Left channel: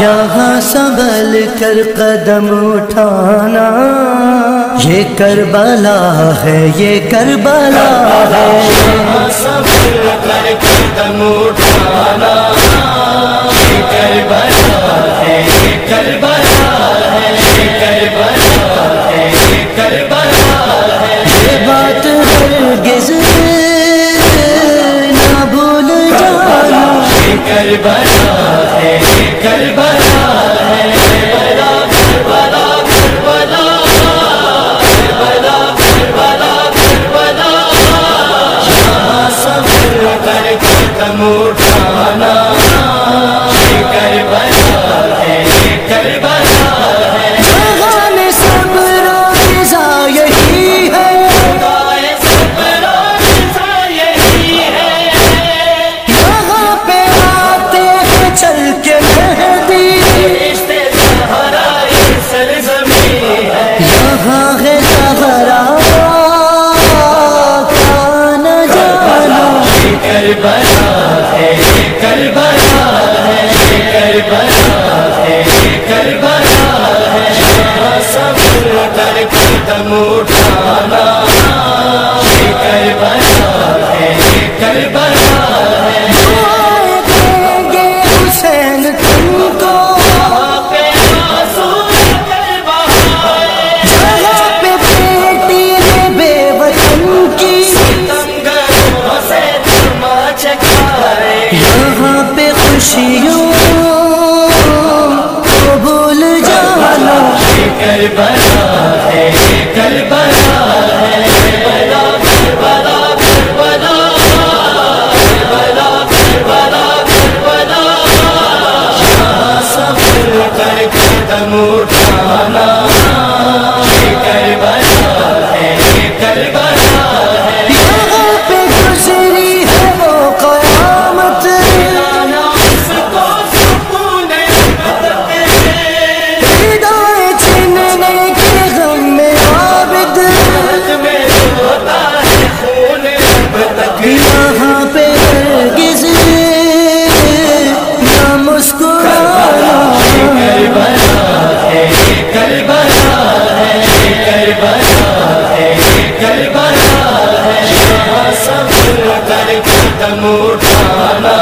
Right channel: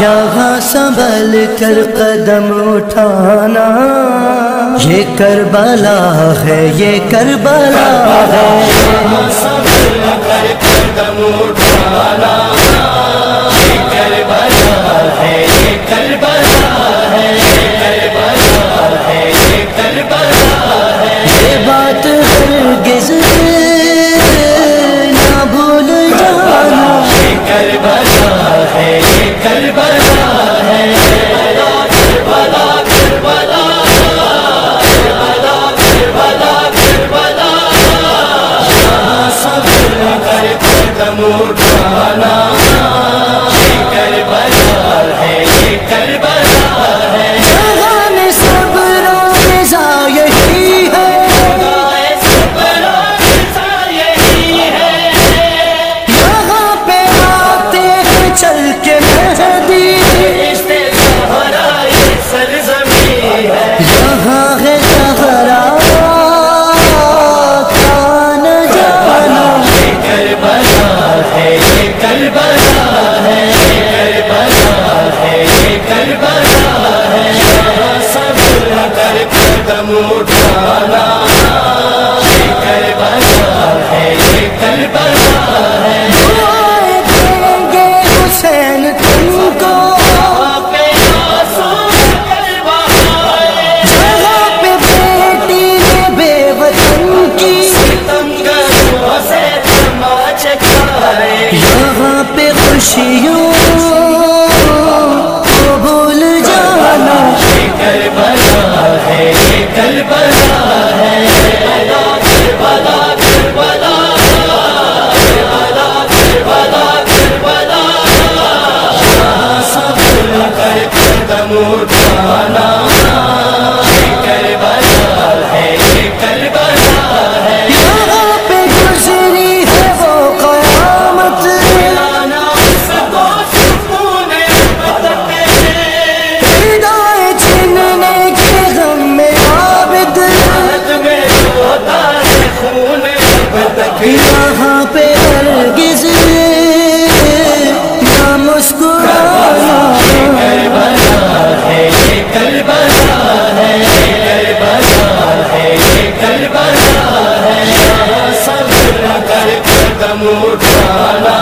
یہاں سنبھل کر قدم اٹھانا، یہ کربلا ہے، یہ کربلا ہے، یہاں سنبھل کر قدم اٹھانا، یہ کربلا ہے، یہ کربلا ہے، یہ کربلا ہے، یہ کربلا ہے، یہ بات ہرگز نہ بھول جانا، یہ کربلا ہے، یہ کربلا ہے، کربلا کربلا کربلا کربلا کربلا کربلا، یہاں سنبھل کر قدم اٹھانا، یہ کربلا ہے، یہ کربلا ہے، جہان صبر و رضا یہی ہے، خدائے صبر و رضا یہی ہے، یہاں پہ آتے ہیں چل کے مہدی، رشتے زہرا یہ سرزمین ہے، یہاں ہے زہرا کا نہ جانا، یہ کربلا ہے، یہ کربلا ہے، یہ کربلا ہے، یہ کربلا ہے، یہاں صبر کر قدم اٹھانا، یہ کربلا ہے، یہ کربلا ہے، دعائیں دیں گے حسین تم کو، وہاں پہ آنسو کر بہائے، جہاں پہ بیٹی نے بے وطن کی، ستمگروں سے تماچے کھائے، یہاں پہ خوشیوں کو بھول جانا، یہ کربلا ہے، یہ کربلا ہے، کربلا کربلا کربلا کربلا کربلا کربلا، یہاں صبر کر قدم اٹھانا، یہ کربلا ہے، یہ کربلا ہے، یہاں پہ گزری ہے وہ قیامت، لانا اس کو سکون ابد ہے، ہدایت چھننے کے غم میں عابد، حد میں روتا ہے خون اب تک، یہاں پہ ہرگز نہ مسکرانا، یہ کربلا ہے، یہ کربلا ہے، یہ کربلا ہے، یہ کربلا ہے، یہاں صبر کر قدم اٹھانا،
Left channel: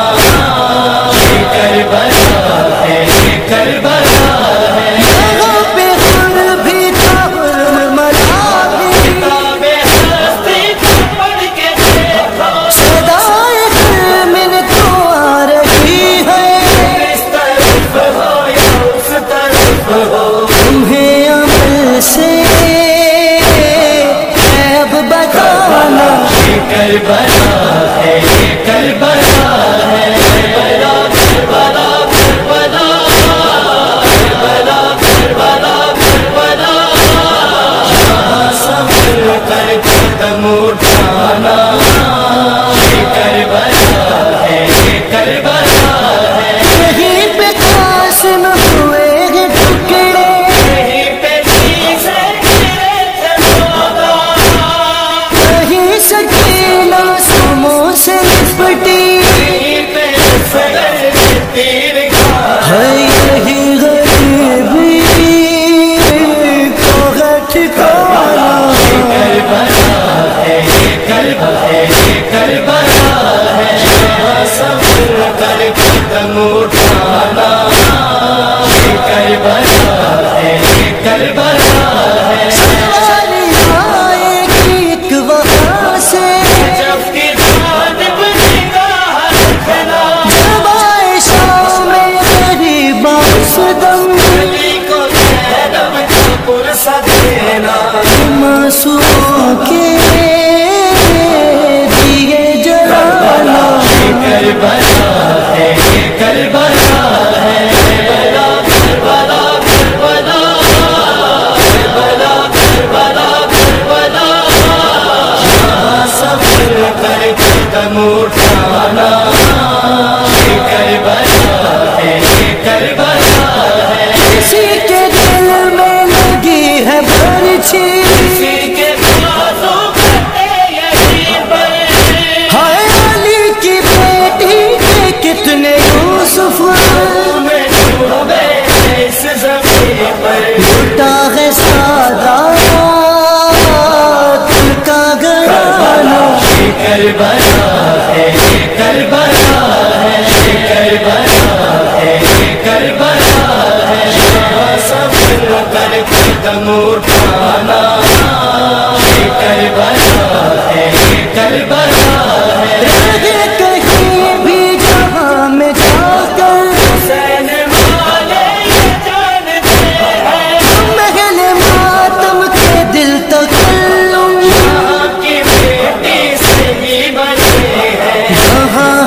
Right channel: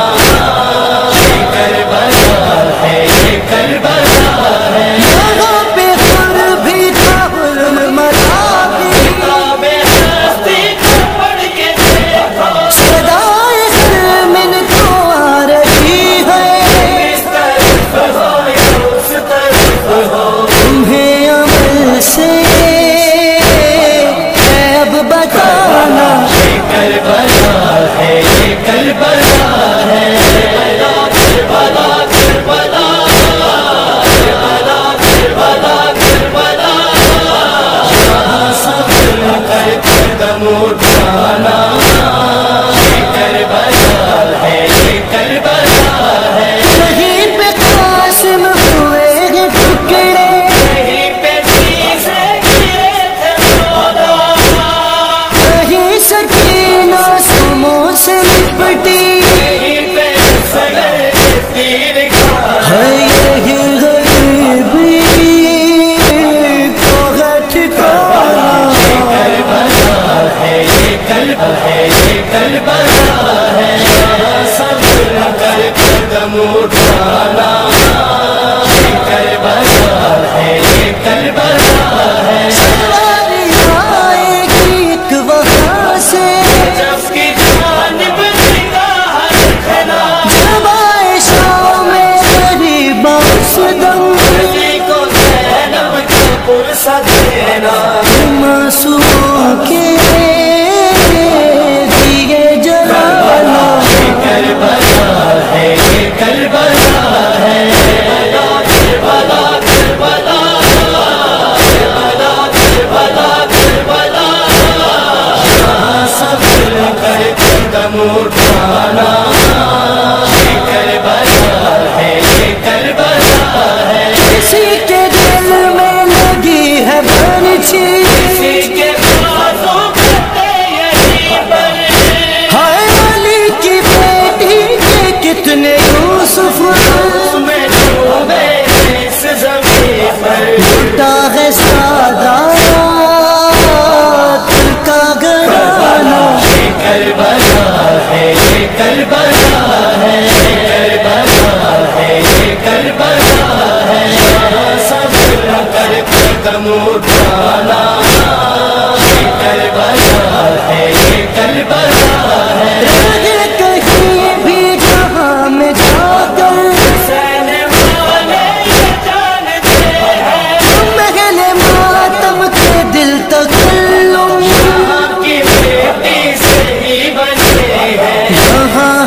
یہ کربلا ہے، یہ کربلا ہے، یہاں پہ خور بھی تھا حرملا بھی، کتاب ہستی کو پڑھ کے دیکھا، صدائے خرمن تو آ رہی ہے، اس طرف ہو یا اس طرف ہو، تمہیں عمل سے ہے اب بتانا، یہ کربلا ہے، یہ کربلا ہے، کربلا کربلا کربلا کربلا کربلا، یہاں صبر کر قدم اٹھانا، یہ کربلا ہے، یہ کربلا ہے، یہیں پہ قاسم ہوئے ہیں ٹکڑے، یہیں پہ سیسے گرے تھے مولا، کہیں سکینہ سموں سے لپٹی، یہیں پہ سگر کے تیر کھا، ہے یہی غریبی کو ہے ٹھکانا، کربلا ہے، یہ کربلا ہے، یہ کربلا ہے، یہاں صبر کر قدم اٹھانا، یہ کربلا ہے، یہ کربلا ہے، سواری آئے گی ایک وہاں سے، جب کی جانب نگاہ رکھنا، جب آئے شام میں غریب اس دم، علی کو زینب کا پرسہ دینا، معصوموں کے دیے جلانا، یہ کربلا ہے، یہ کربلا ہے، کربلا کربلا کربلا کربلا کربلا، یہاں صبر کر قدم اٹھانا، یہ کربلا ہے، یہ کربلا ہے، کسی کے دل میں لگی ہے برچھی، کسی کے بازو کٹے یہی پر، ہائے علی کی بیٹی کے کتنے یوسف میں ڈوبے کربلا ہے، یہ کربلا ہے، کربلا ہے، یہ کربلا ہے، یہاں صبر کر قدم اٹھانا، یہ کربلا ہے، یہ کربلا ہے، رہے کہیں بھی جہاں میں جا کر حسین والے یہ جانتے ہیں، محل ماتم کے دل تکلم یہاں کی بیٹی سے ہی بنے ہیں، یہاں